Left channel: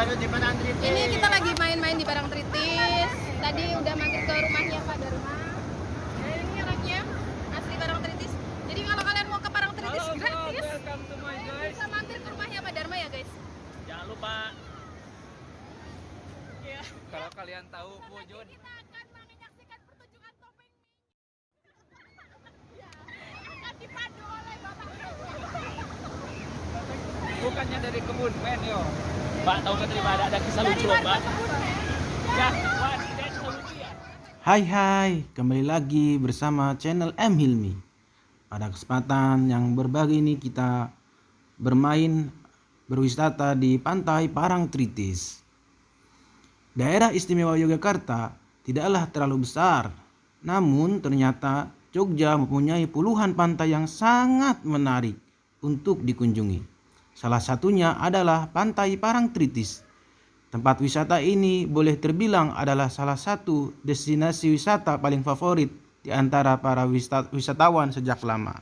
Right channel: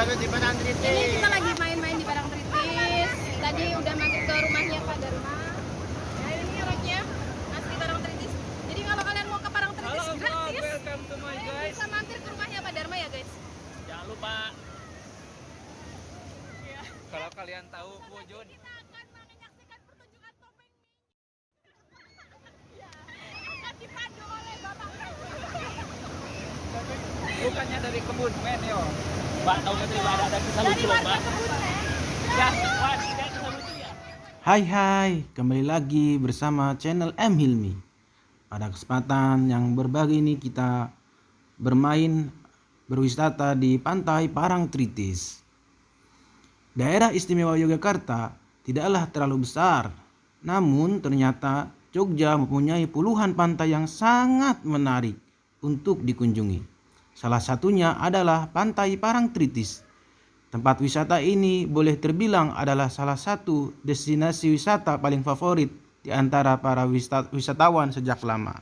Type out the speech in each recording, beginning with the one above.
baru di Parangtritis. Ini kita lagi main-main di Parangtritis. Tadi udah mampir ke rumahnya Pak Dharma. Ya ini orangnya asli Parangtritis. Jadi kalau kalian mau ke Parangtritis gratis, welcome to my kalian bisa mampir ke rumahnya Pak Dharma ya guys. Jangan lupa. Kalau kalian tahu wujud Kita akan menyaksikan pertunjukan topeng. Ya, akan dipandu oleh Bapak. bukannya dari kebun men yo. Pak tahu tidak ada kisah lucu loh Pak. Wah, tidak kisah lucu ya. Hai, kembali lagi bersama channel M Hilmi. Pada kesempatan yang berbagi ini kita berwisata di pantai Parangtritis. Daerah istimewa Yogyakarta tidaklah terlalu besar, namun ternyata Jogja mempunyai puluhan pantai yang sangat menarik untuk dikunjungi. Salah satunya adalah Pantai Parangtritis. Tempat wisata ini boleh terbilang adalah salah satu destinasi wisata paling favorit di antara para wisatawan sejak lama.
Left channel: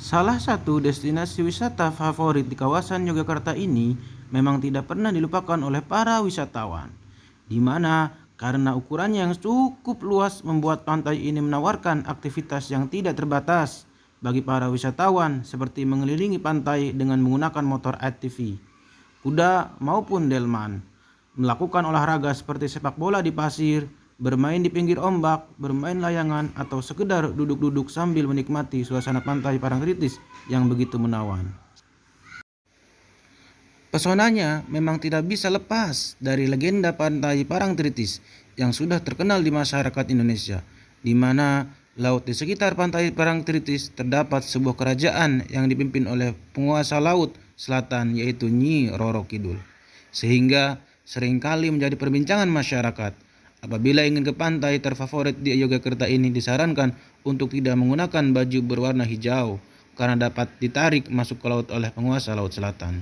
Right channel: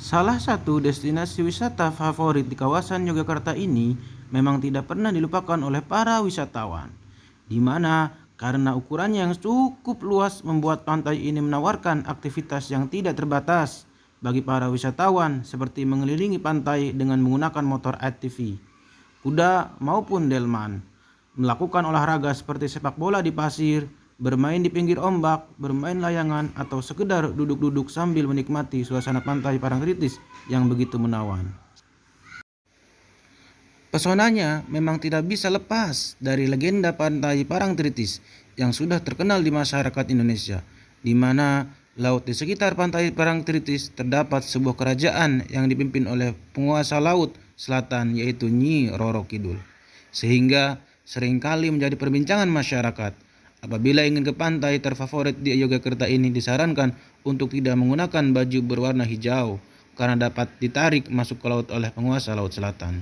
Salah satu destinasi wisata favorit di kawasan Yogyakarta ini memang tidak pernah dilupakan oleh para wisatawan, di mana karena ukurannya yang cukup luas membuat pantai ini menawarkan aktivitas yang tidak terbatas bagi para wisatawan seperti mengelilingi pantai dengan menggunakan motor ATV, kuda maupun delman, melakukan olahraga seperti sepak bola di pasir, bermain di pinggir ombak, bermain layangan, atau sekedar duduk-duduk sambil menikmati suasana pantai Parangtritis yang begitu menawan. Pesonanya memang tidak bisa lepas dari legenda pantai Parangtritis yang sudah terkenal di masyarakat Indonesia, di mana laut di sekitar pantai Parangtritis terdapat sebuah kerajaan yang dipimpin oleh penguasa laut selatan yaitu Nyi Roro Kidul, sehingga seringkali menjadi perbincangan masyarakat. Apabila ingin ke pantai terfavorit di Yogyakarta ini disarankan untuk tidak menggunakan baju berwarna hijau karena dapat ditarik masuk ke laut oleh penguasa laut selatan.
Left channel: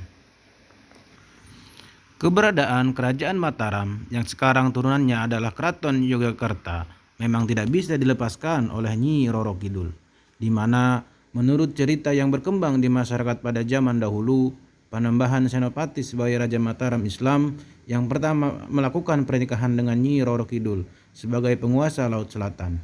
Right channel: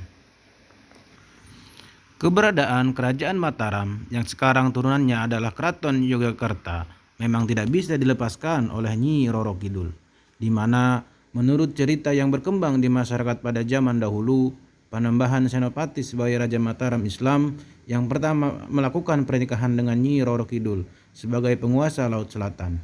Keberadaan Kerajaan Mataram yang sekarang turunannya adalah Keraton Yogyakarta memang tidak bisa dilepaskan oleh Nyi Roro Kidul, di mana menurut cerita yang berkembang di masyarakat pada zaman dahulu, Panembahan Senopati sebagai Raja Mataram Islam yang pertama melakukan pernikahan dengan Nyi Roro Kidul sebagai penguasa Laut Selatan.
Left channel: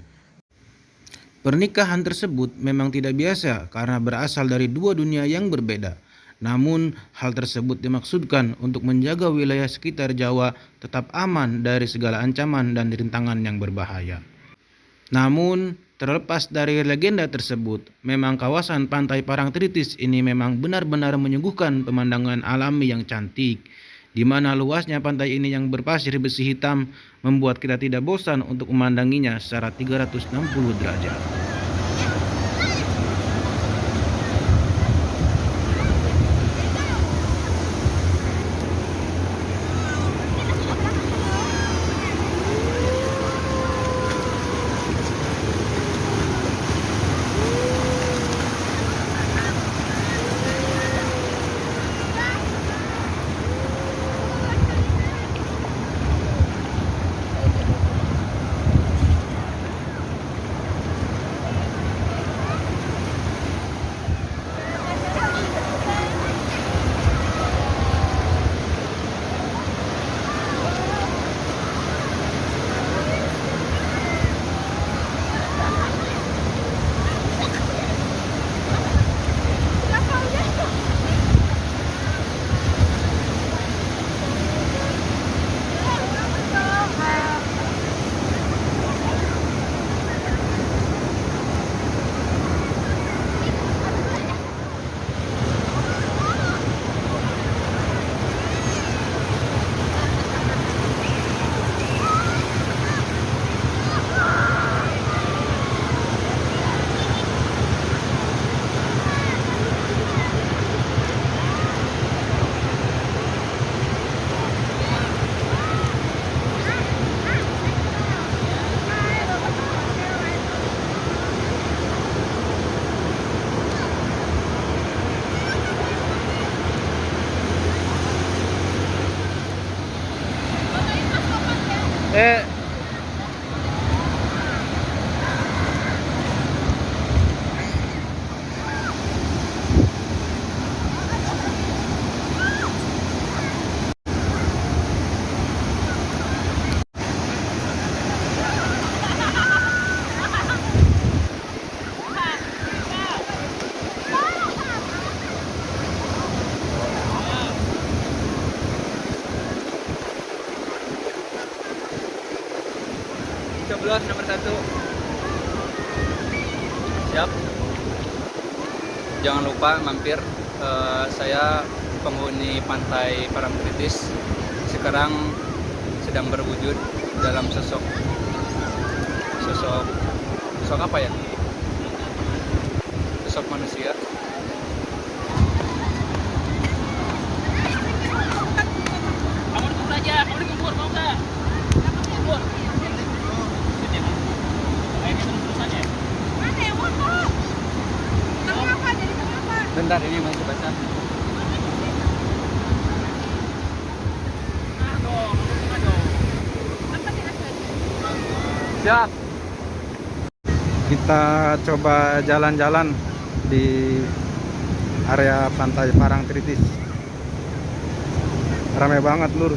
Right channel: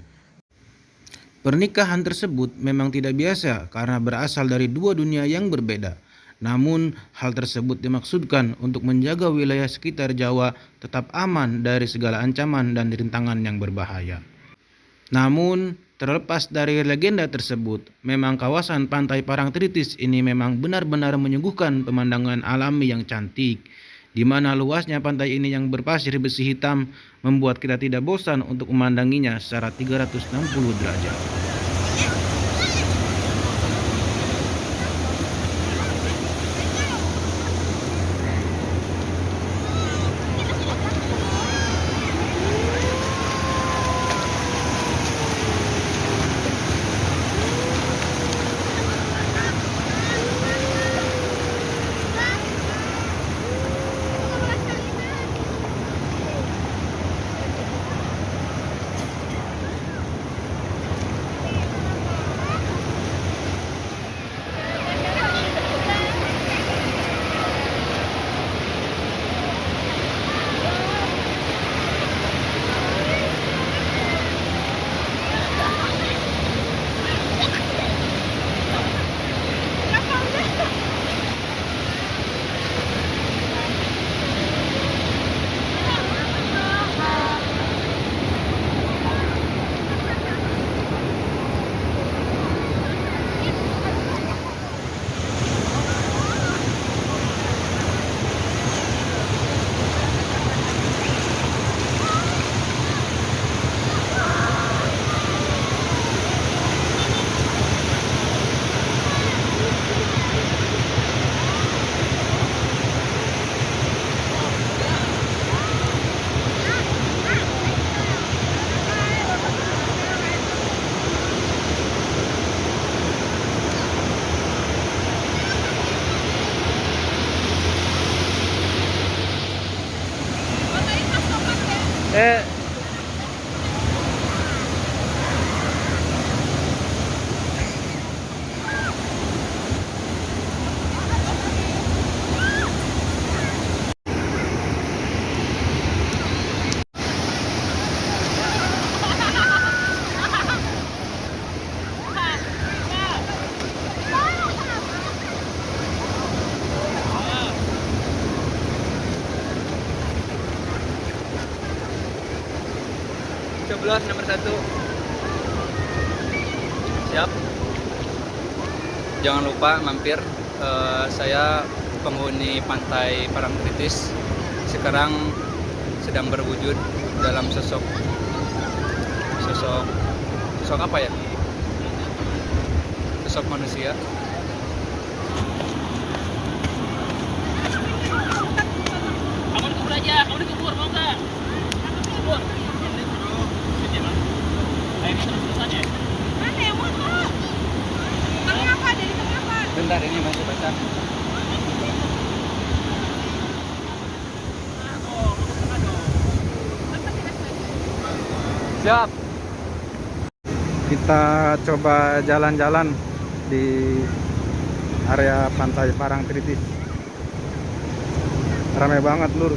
Pernikahan tersebut memang tidak biasa karena berasal dari dua dunia yang berbeda. Namun hal tersebut dimaksudkan untuk menjaga wilayah sekitar Jawa tetap aman dari segala ancaman dan rintangan yang berbahaya. Namun terlepas dari legenda tersebut, memang kawasan pantai Parangtritis ini memang benar-benar menyuguhkan pemandangan alami yang cantik, di mana luasnya pantai ini yang berpasir besi hitam membuat kita tidak bosan untuk memandanginya secara 360 derajat. coblos nomor 1. Siap. Jangan lupa mampir. Saya penghuni pantai Parangtritis sekarang sedang berwujud dalam sosok apa ya? Sosok manusia. Kamu dikubur aja, kamu dikubur mau nggak? Kubur. Ayo kita terus ya. Mana yang motor? Tengah apa? Dari tengah apa? Bentar ini masih basah. Siap. Kita coba jalan-jalan di area pantai Parangtritis. Ramai banget lur.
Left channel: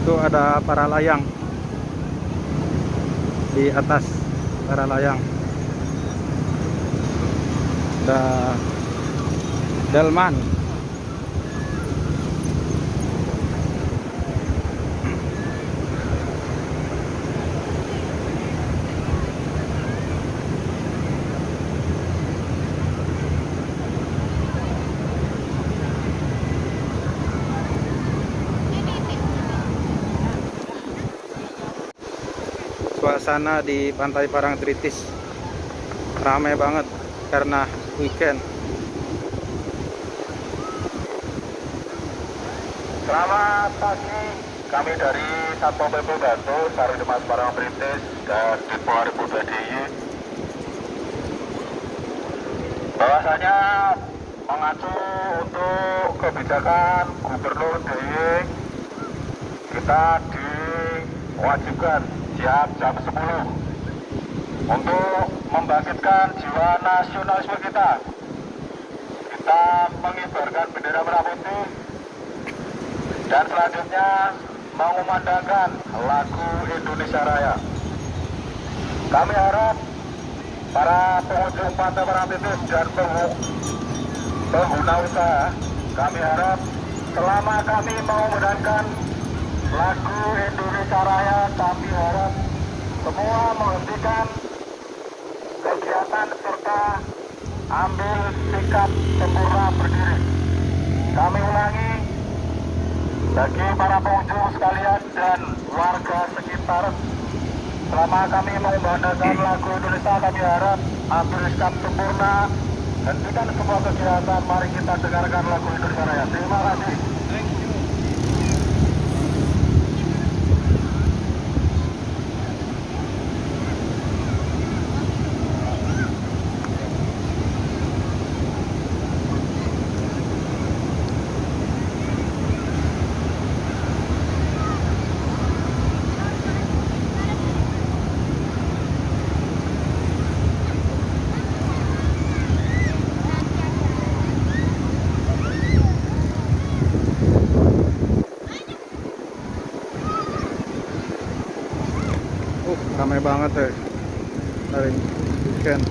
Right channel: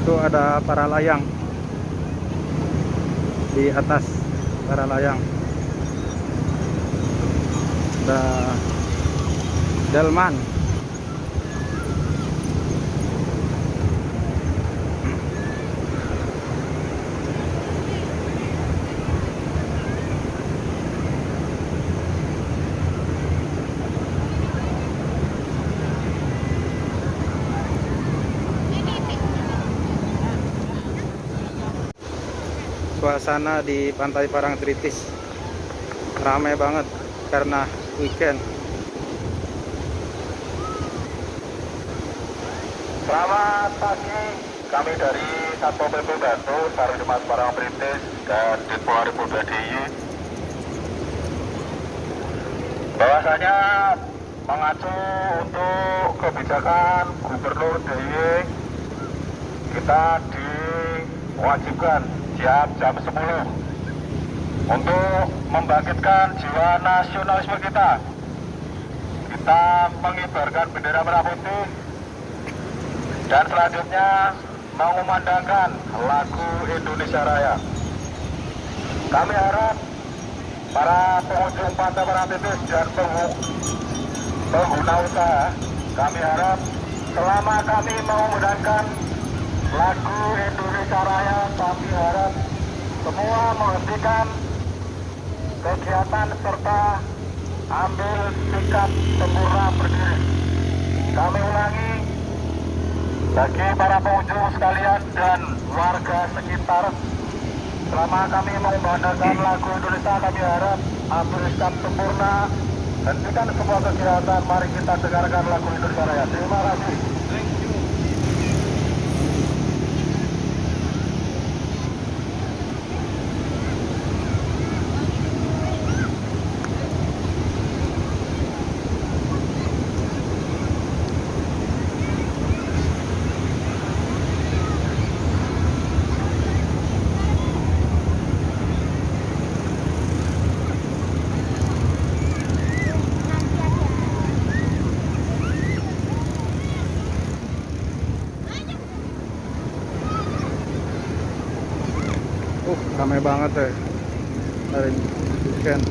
Itu ada para layang di atas para layang. Ada delman. Suasana di pantai Parangtritis ramai banget karena weekend. Selamat pagi, kami dari Satpol PP Datu, Sarimas Parangtritis dan Depo Aripudha Jaya. Bahwasanya mengacu untuk kebijakan Gubernur DIY, kita diwajibkan jam 10 untuk membangkitkan jiwa nasionalisme kita. Kita mengibarkan bendera merah putih dan selanjutnya mengumandangkan lagu Indonesia Raya. Kami harap para pengunjung pantai Parangtritis dan pengguna usaha, kami harap selama kami mengumandangkan lagu Indonesia Raya, kami harap semua menghentikan kegiatan serta ambil sikap sempurna berdiri. Kami ulangi, bagi para pengunjung sekalian dan warga sekitar, selama kami mengumandangkan lagu Indonesia, kami harap ambil sikap sempurna, hentikan semua kegiatan. Mari kita dengarkan lagu Indonesia Raya. Terima kasih. Ramai banget ya hari weekend.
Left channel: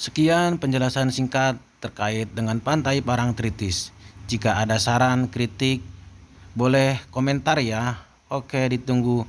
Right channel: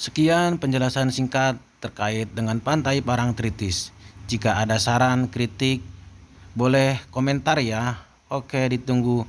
Sekian penjelasan singkat terkait dengan Pantai Parangtritis. Jika ada saran, kritik, boleh komentar ya. Oke, ditunggu